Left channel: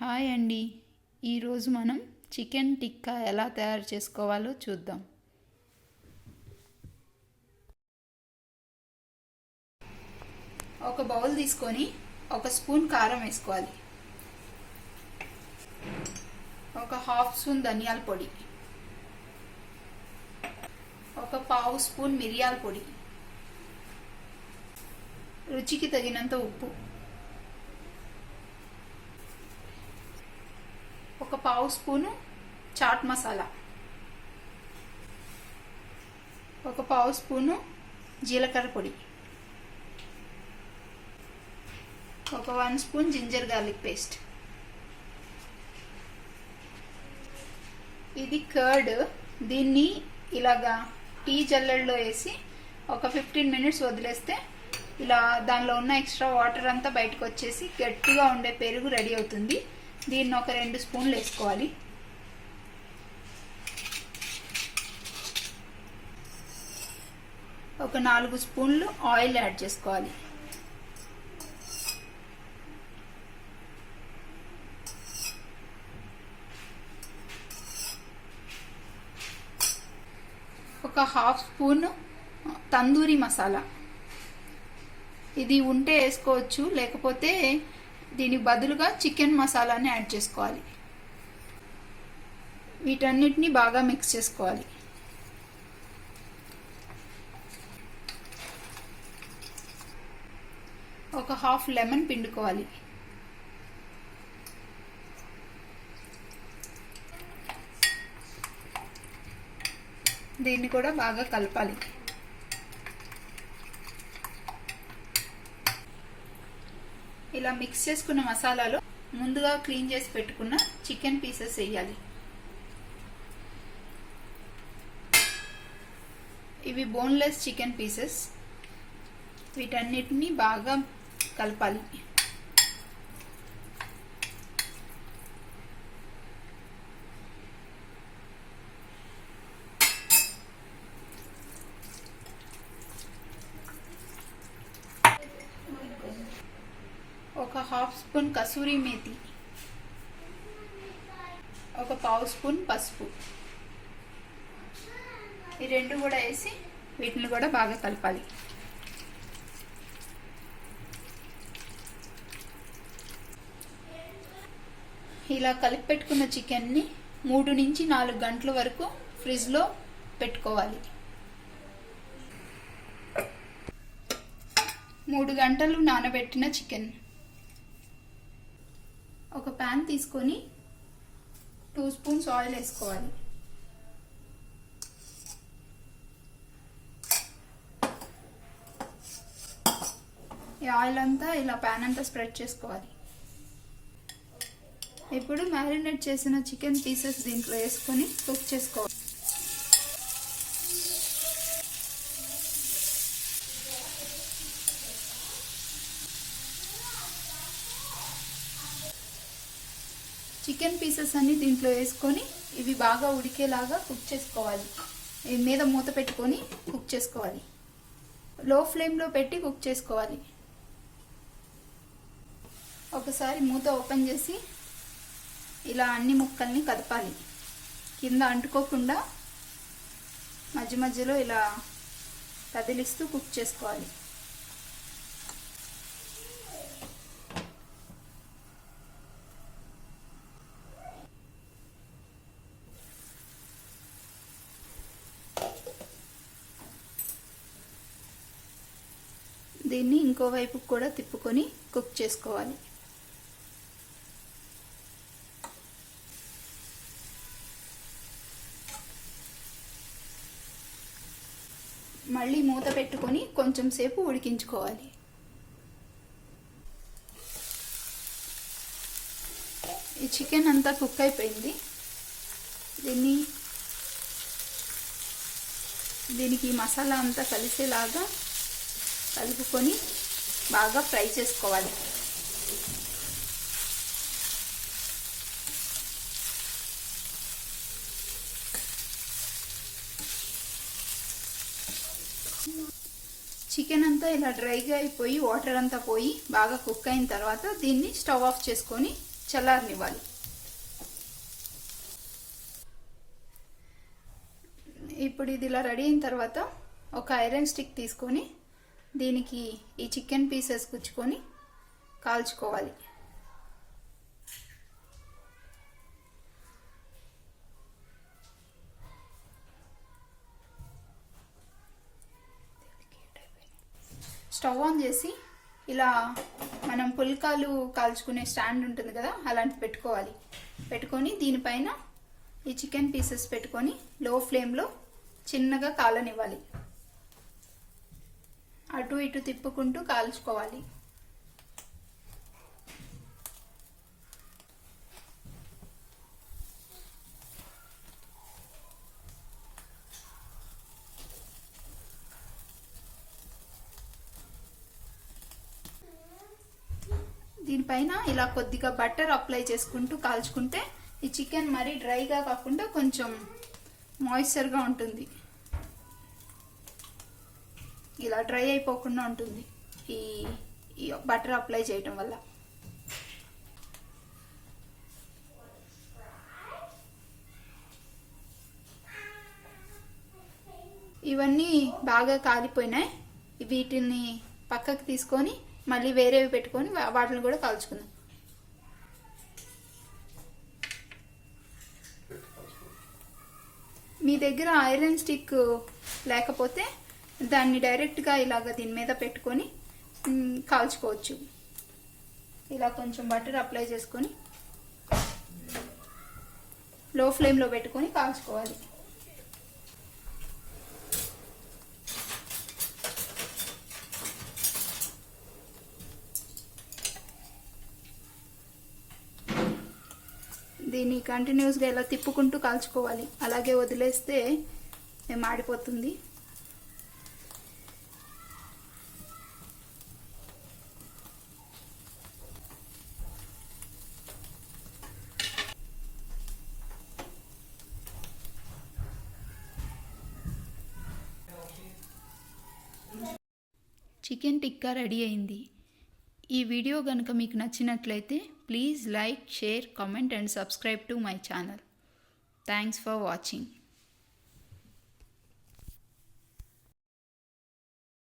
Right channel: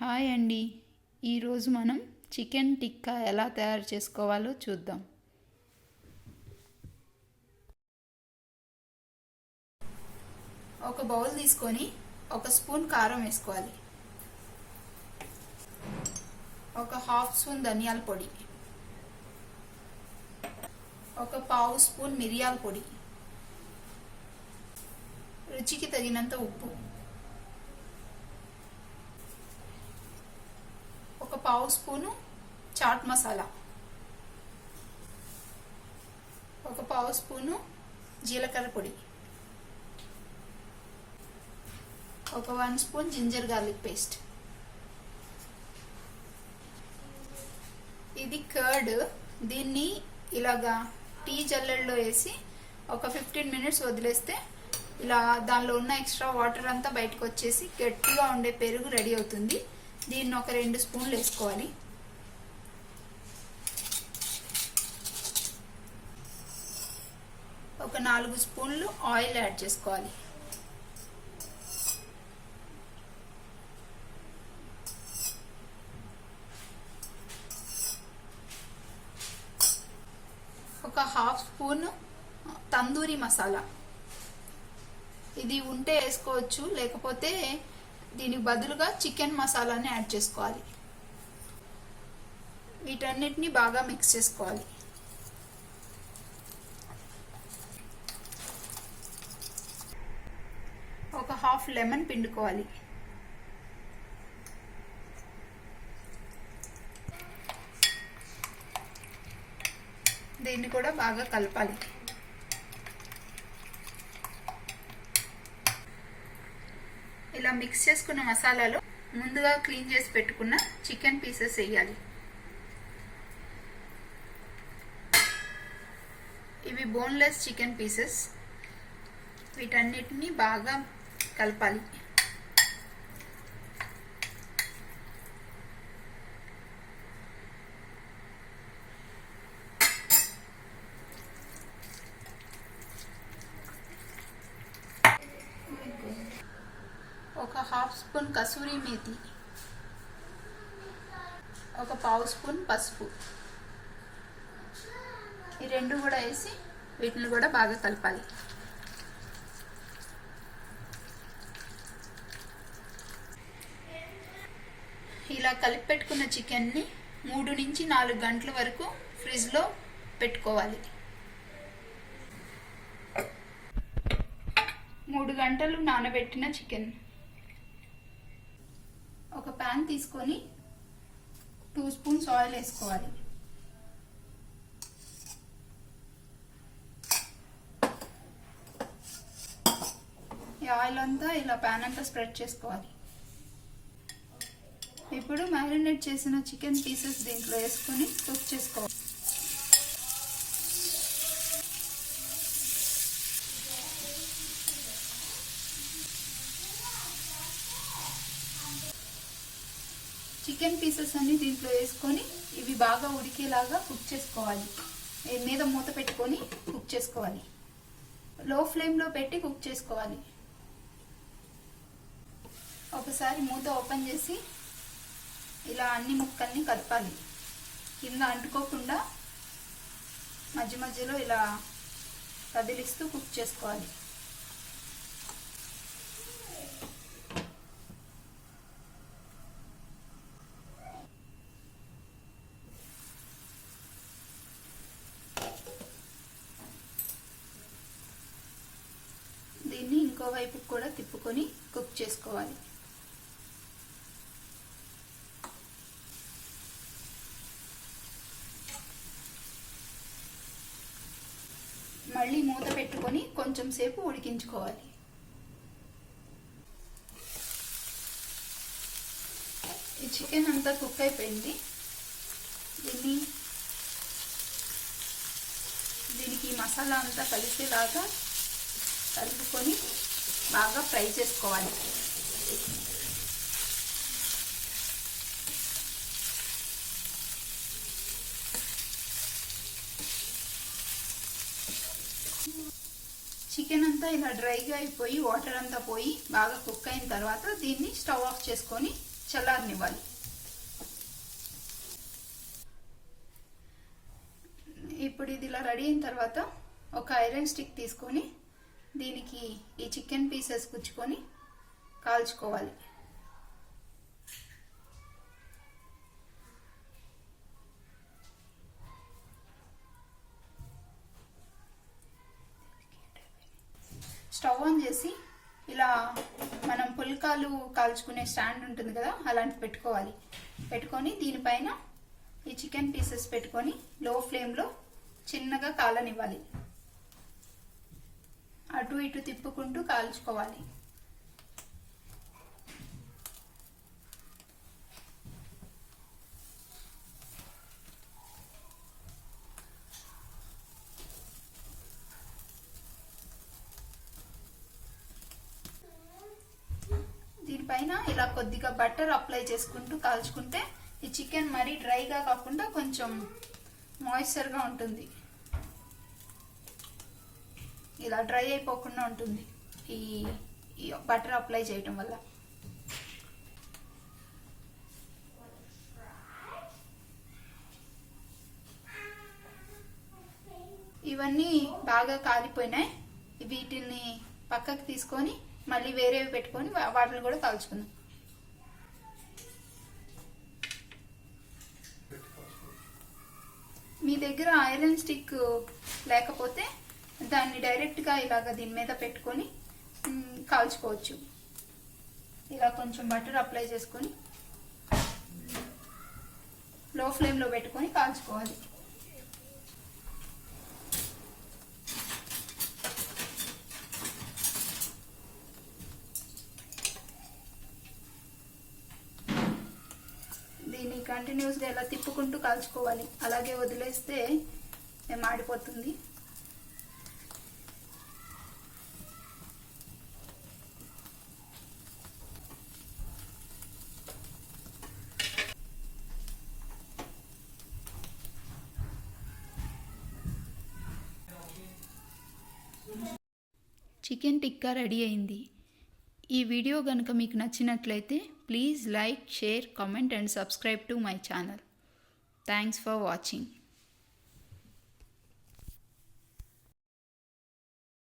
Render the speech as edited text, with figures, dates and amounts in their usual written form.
Hi అండి. ఈరోజు మనం చికెన్ టిక్కా ఎలా తయారు చేసుకోవాలో చూద్దాం. ఒక బౌల్ తీసుకొని ఒక స్పూన్ కారం వేసుకోవాలి, ఒక హాఫ్ స్పూన్ ధనియాల పొడి, ఒక పావు స్పూన్ మిరియాల పొడి, రుచికి తగినంత ఉప్పు, ఒక పావు స్పూను చాట్ మసాలా, ఒక పావు స్పూను జీలకర్ర పొడి, ఒక 1 స్పూన్ జింజర్ గార్లిక్ పేస్ట్. ఇది కర్డ్. దీన్ని ఇలాగా టీ జల్లెడలో వేసి ఒక 15 మినిట్స్ వదిలేస్తే ఇలా దానిలో ఉన్న ఎక్స్ట్రా వాటర్ అంతా బయటకు వచ్చేసి గట్టిగా ఉండే పెరుగు రెడీ అవుతుంది. దీన్ని ఒక 2 స్పూన్లు వేసుకోవాలి. ఒక 4 స్పూన్లు ఆయిల్ యాడ్ చేసుకోవాలి. ఒక హాఫ్ స్పూన్ తందూరి మసాలా. ఇది ఉంటే వేసుకోవచ్చు, లేకపోతే దీనికి బదులుగా చికెన్ మసాలాని యాడ్ చేసుకోవాలి. వీటన్నిటిని బాగా మిక్స్ చేసుకోవాలి. ఒక హాఫ్ లెమన్ పిండుకోవాలి. దీన్ని కూడా బాగా కలపాలి. ఇలా మిక్స్ చేసుకున్న మసాలాలో ముందుగా క్లీన్ చేసి పెట్టుకున్న చికెన్ పీసెస్ వేయాలి. ఇవి బోన్లెస్ చికెన్ పీసెస్. వీటన్నిటిని బాగా కలపాలి. ఒక హాఫ్ స్పూన్ కసూరి మేతి, ఒక పావు స్పూన్ పసుపు, ఈ రెండు కూడా వేసి వీటిని కూడా బాగా కలపాలి. ఇలా కలిపి పెట్టుకున్న చికెన్ని 3 నుంచి 4 గంటల వరకు ఫ్రిడ్జ్లో పెట్టుకోవాలి. 3 గంటలు నానబెట్టిన చికెన్. ఒక ప్యాన్ తీసుకొని 2 స్పూన్స్ ఆయిల్ వేసుకోవాలి. ఈ ఆయిల్ అంతా ఇలా ప్యాన్ అంతా స్ప్రెడ్ చేసుకోవాలి. ఇప్పుడు మ్యారినేట్ చేసిన చికెన్ పీసెస్ దీంట్లో వేసుకొని కుక్ చేసుకోవాలి. చికెన్ పీసెస్ అన్ని దీంట్లో వేసుకొని ఇవి బాగా ఉడికేలాగా కుక్ చేసుకోవాలి. మీద మూత పెట్టుకొని కుక్ చేసుకోవాలి. లో ఫ్లేమ్లో పెట్టి కుక్ చేసుకోవాలి. ఒకసారి మూత ఓపెన్ చేసి ఇలా అన్ని ముక్కల్ని కదపాలి. కింద అంటుకోకుండా మధ్య మధ్యలో ఇలా కదిలిస్తూ కుక్ చేసుకోవాలి. దీన్ని ఇంకో వైపు కూడా తిప్పుకొని కుక్ చేసుకోవాలి. మళ్ళీ మూత పెట్టుకొని కొంచెం సేపు ఉడికించుకోవాలి. ఈ చికెన్ అంతా కుక్ అయిపోయింది. దీనికి మసాలా అంతా కలిసేలాగా కలుపుకొని బాగా ఫ్రై చేసుకోవాలి. చికెన్ అంతా ఇలా డ్రైగా అయిపోయి వాటర్ అంతా పోయి బాగా కుక్ అయిన తర్వాత దీన్ని స్టవ్ ఆఫ్ చేసుకొని చల్లారనివ్వాలి. ఇప్పుడు ఇది ఇలా రెడీ అయిన తర్వాత ఒక ఐరన్ స్టిక్ తీసుకొని దీనికి ఈ చికెన్ పీసెస్ గుచ్చుకొని కాల్చుకోవాలి. స్టవ్ ఆన్ చేసి ఇలా మనం పుల్కాలు కాల్చుకునే స్టాండ్ ఉంటుంది కదా, అలాంటిది పెట్టుకొని దీనిపైన ఈ చికెన్ పీసెస్ పెట్టుకొని లో ఫ్లేమ్లో చిన్నగా కాలనివ్వాలి. అటు ఇటు తిప్పుకుంటూ కాల్చుకోవాలి. దీనిపైన ఇలా కొద్దిగా బటర్ అప్లై చేసుకుంటూ కాల్చుకుంటే ఈ చికెన్ మరీ డ్రైగా కాకుండా కొంచెం మాయిశ్చర్గా ఉంటుంది. ఇలా డ్రై అయిపోకుండా ఉంటుంది ఈ బటర్ అప్లై చేయటం వల్ల. ఇవన్నీ బాగా కాలిపోయినాయి. వీటిని పక్కకి తీసుకొని మళ్ళీ వేరేవి పెట్టుకొని వాటిని కూడా కాల్చుకుందాం. మీ దగ్గర ఐరన్ స్టిక్ లేకపోతే దాన్ని డైరెక్ట్గా ఇలాగ దీని మీద పెట్టుకొని కాల్చుకోవచ్చు. ఇలా కొంచెం బటర్ అప్లై చేసుకొని లో ఫ్లేమ్లో పెట్టుకొని కాల్చుకోవాలి. దీన్ని కంటిన్యూస్గా ఇలా తిప్పుకుంటూ కాల్చుకోవాలి. అలాగే వదిలేస్తే మాడిపోతుంది. చికెన్ టిక్కా రెడీ అయింది. ఈ వీడియో గనుక మీకు నచ్చినట్లయితే please like, share, comment and subscribe to my channel. Thanks for watching.